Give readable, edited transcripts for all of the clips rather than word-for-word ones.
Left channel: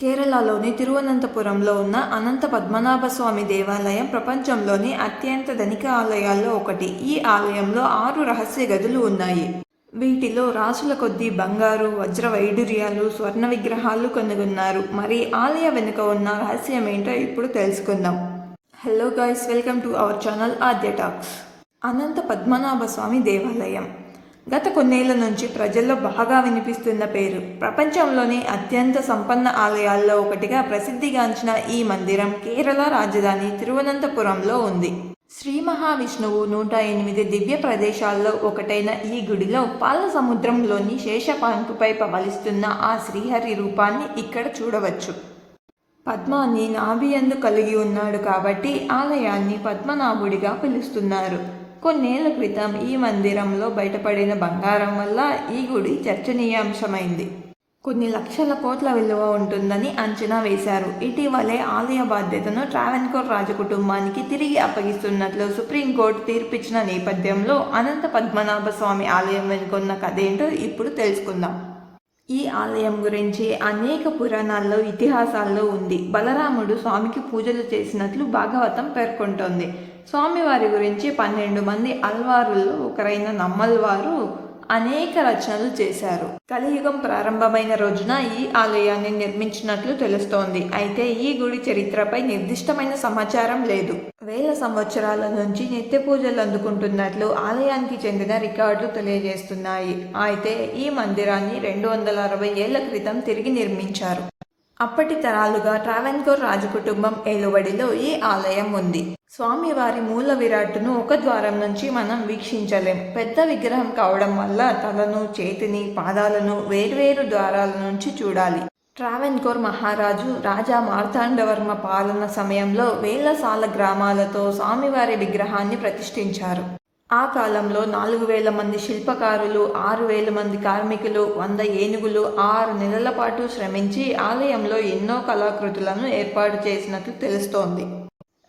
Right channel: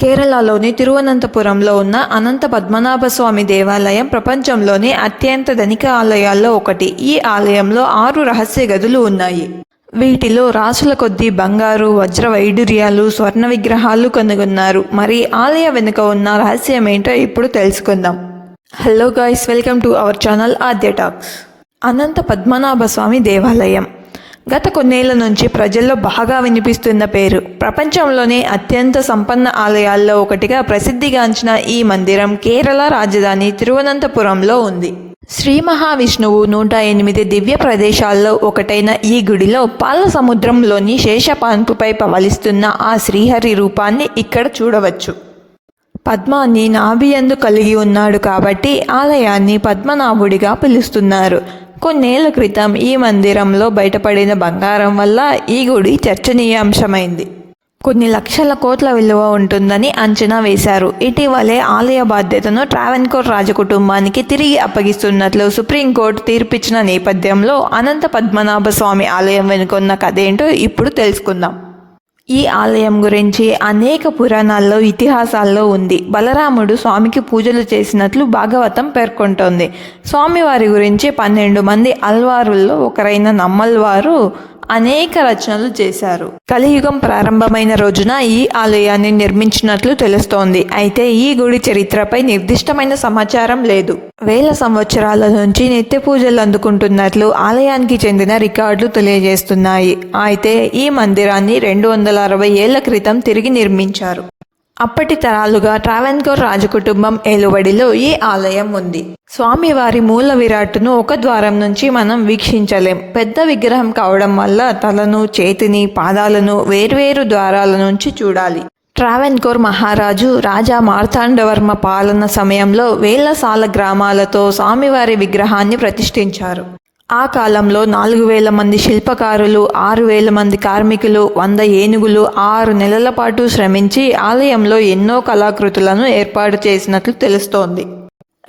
కేరళలోని తిరువనంతపురంలో ఉన్న అనంత పద్మనాభ స్వామి దేవాలయం ప్రపంచంలోనే అత్యంత ధనిక ఆలయాల్లో ఒకటి. ఈ ఆలయంలో 6 రహస్య గదులు ఉన్నాయి. వీటిలో రాసుల కొద్దీ బంగారు, వజ్ర వైడూర్యాలు, స్వర్ణ విగ్రహాలు కనుగొన్నారు. మరి ఆలయ వెనుక ఉన్న రహస్యమేంటో ఇప్పుడు తెలుసుకుందాం. Hello guys, welcome to our channel Aadya talks. Anantha Padmanabha Swamy దేవాలయం గత కొన్నేళ్ల నుంచి ప్రజల్లో బాగా వినిపిస్తున్న పేరు. ప్రపంచంలోనే అత్యంత సంపన్న ఆలయాల్లో ఒకటిగా ప్రసిద్ధిగాంచిన ఈ మందిరం కేరళ రాజధాని తిరువనంతపురంలో ఉంది. శ్రీ మహావిష్ణువు 108 దివ్య ప్రదేశాల్లో ఒకటైన ఈ గుడిలో పాల సముద్రంలోని శేషపాన్పుపై పవలిస్తున్న ఆ శ్రీహరి రూపాన్ని ఇక్కడ చూడవచ్చు. పద్మాన్ని నాభియందు కలిగి ఉన్నాడు కాబట్టి ఆలయాన్ని పద్మనాభుడిగా పిలుస్తున్నారు. కొన్నేళ్ల క్రితం ఈ మందిరంలో బయటపడిన బంగారం వల్ల ఈ గుడి చర్చనీయాంశమైంది. కొన్ని లక్షల కోట్ల విలువ ఉంటుందని అంచనా వేశారు. ఇటీవలే ఆలయ బాధ్యతను ట్రావెన్కోర్ రాజకుటుంబానికి తిరిగి అప్పగిస్తున్నట్లు సుప్రీంకోర్టు తీర్పిచ్చిన నేపథ్యంలో అనంత పద్మనాభ స్వామి ఆలయం వెనుకొన్న కథేంటో ఇప్పుడు తెలుసుకుందాం. ఈ ఆలయం గురించి అనేక పురాణాల్లో, ఇతిహాసాల్లో ఉంది. బలరాముడు స్వామికి పూజలు చేసినట్లు భాగవతం పేర్కొంటోంది. స్వామివారి గురించి 12 మంది అల్వారుల్లో ఒకరైన నమ్మల్వారు అనేక రచనలు చేశారు. కలియుగం ప్రారంభమైన రోజున ఈ ఆలయాన్ని నిర్మించినట్లు తెలుస్తోంది. అయితే ఈ గుడి చరిత్రపై నిర్దిష్టమైన సమాచారం లేదు. వేల సంవత్సరాల నుంచి నిత్య పూజలు అందుకుంటున్నట్లు ఆలయానికి చెందిన రికార్డులు తెలియజేస్తున్నాయి. అయితే ఈ మందిరాన్ని 260 ఏళ్ల క్రితం తిరిగి నిర్మించారు. అప్పటి తరాలుగా ట్రావెన్కోర్ రాజకుటుంబం ఏలుబడిలో ఈ ఆలయం ఉంది. స్వామివారి మూల విరాట్టును ఒక ద్వారం నుంచి మనం వీక్షించలేం. పెద్ద విగ్రహం కావడం వల్ల తలను, చేతిని, పాదాలను వేర్వేరు ద్వారాల నుంచి చూడాలి. ట్రావెన్కోర్ మహారాజు రాజా మార్తాండవర్మ పాలన సమయంలో వేల సాల గ్రామాలతో స్వామివారి విగ్రహాన్ని ప్రతిష్ఠించారు. ఆ కాలంలో 4000 మంది శిల్పకారులు, 6000 మంది కార్మికులు, 100 ఏనుగులు 6 నెలల పాటు శ్రమించి ఆలయంలో ఎన్నో కళాకృతులను ఏర్పాటు చేసినట్లు తెలుస్తోంది.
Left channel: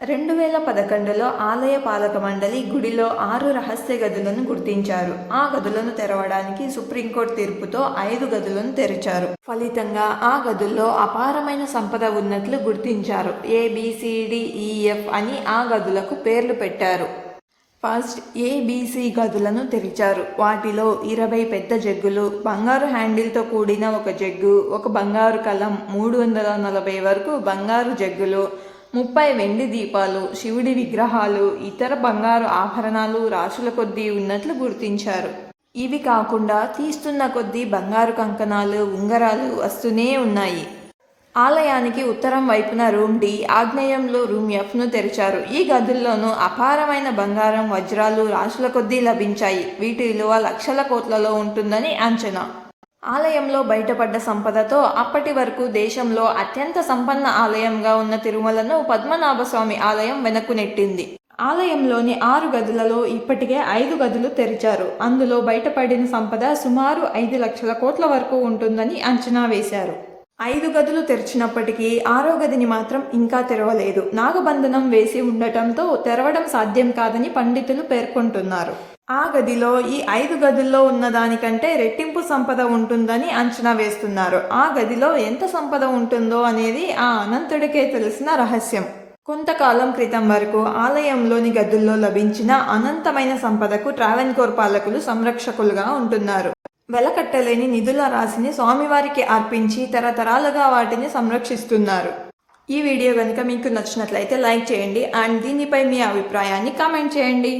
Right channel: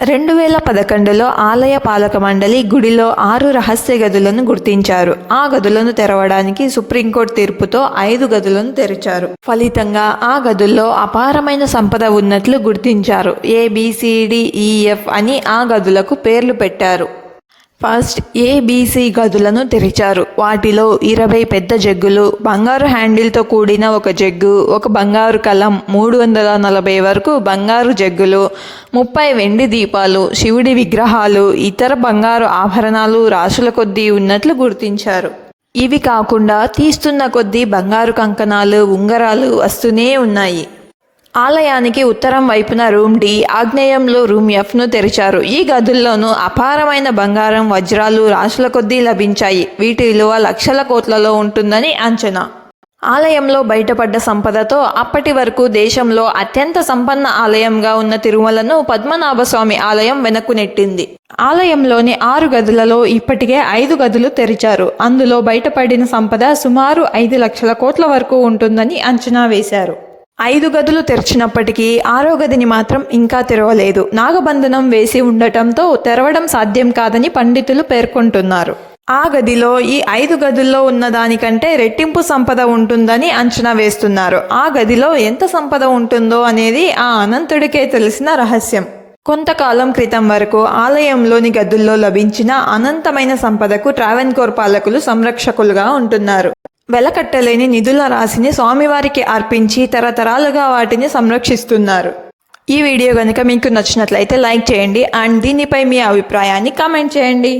2011లో ఆలయ పాలక మండలి గుడిలో 6 రహస్య గదులను గుర్తించారు. ఆ గదులను తెరవడానికి సుప్రీంకోర్టు తీర్పుతో 5 గదులను తెరిచారు. ఫలితంగా ఆ గదుల్లో అపారమైన సంపద ఉన్నట్లు గుర్తించారు. ABCDEF అని ఆ గదులకు పేర్లు పెట్టారు. ఫస్ట్ ABC గదులను తెరిచారు. వాటిలో 20 పెద్ద జగ్గులు, బంగారు హ్యాండిల్తో కూడిన ఒక జగ్గు, ఒక బంగారు కలం, 340 వరకు బంగారు జగ్గులు, 30 వెండి దీపాలు, శివుడి విగ్రహాలు, ఇతర బంగారు ఆభరణాలు రాసుల కొద్దీ ఉన్నట్లు గుర్తించారు. ఇవి కాకుండా తీస్తున్న కొద్దీ బంగారు కంకణాలు, ఉంగరాలు వస్తూనే ఉన్నాయి. ఆలయానికి ఉత్తరం వైపున రూమ్ D, ఆగ్నేయంలో రూమ్ Fను తెరిచారు. ఈ గదుల్లోనూ అపారమైన బంగారం, వజ్రాలు రాసుల కొద్దీ లభించాయి. వీటి విలువ లక్షల కోట్లలో ఉంటుందని అంచనా. ఆలయంలో బయటపడ్డ సంపదతో అప్పటి వరకు దేశంలో అత్యంత సంపన్న ఆలయంగా ఉన్న తిరుమలను పద్మనాభస్వామి ఆలయం వెనక్కు నెట్టింది. ఆలయంలోని 6 గదులలో ఇప్పటికే 5 గదులు తెరిచారు. అందులో బయటపడిన సంపద సుమారు 5 లక్షల కోట్ల వరకు ఉంటుందని అంచనా వేశారు. 5 గదులు తెరిచినప్పటికీ 6వ గదిని మాత్రం ఇంకా తెరవలేదు. నాగబంధనం వేసి ఉండటంతో తెరవడం సాధ్యం కాదని పండితులు పేర్కొంటున్నారు. ఆ గదిలో ఈ 5 గదుల్లో ఉన్న దానికంటే రెట్టింపు సంపద ఉంటుందని అంచనా వేస్తున్నారు. ఆ గదిలో ఎంత సంపద ఉంటుందో అనేది ఆ అనంతుడికే తెలిసిన రహస్యం. కొంతకాలం క్రితం వరకు ఆలయంలోని గదుల్లో లభించిన అనంతమైన సంపదకు ట్రావెన్కోర్ పాలకులు సంరక్షకులుగా ఉంటున్నారు. వెలకట్టలేని నిధుల రాశిని స్వామివారికి అర్పించి తరతరాలుగా వాటిని సంరక్షిస్తున్నారు. ఈ వీడియో కనుక మీకు నచ్చినట్లయితే లైక్ చేయండి అండ్ దీనిపై మీ అభిప్రాయాన్ని కామెంట్ చేయండి.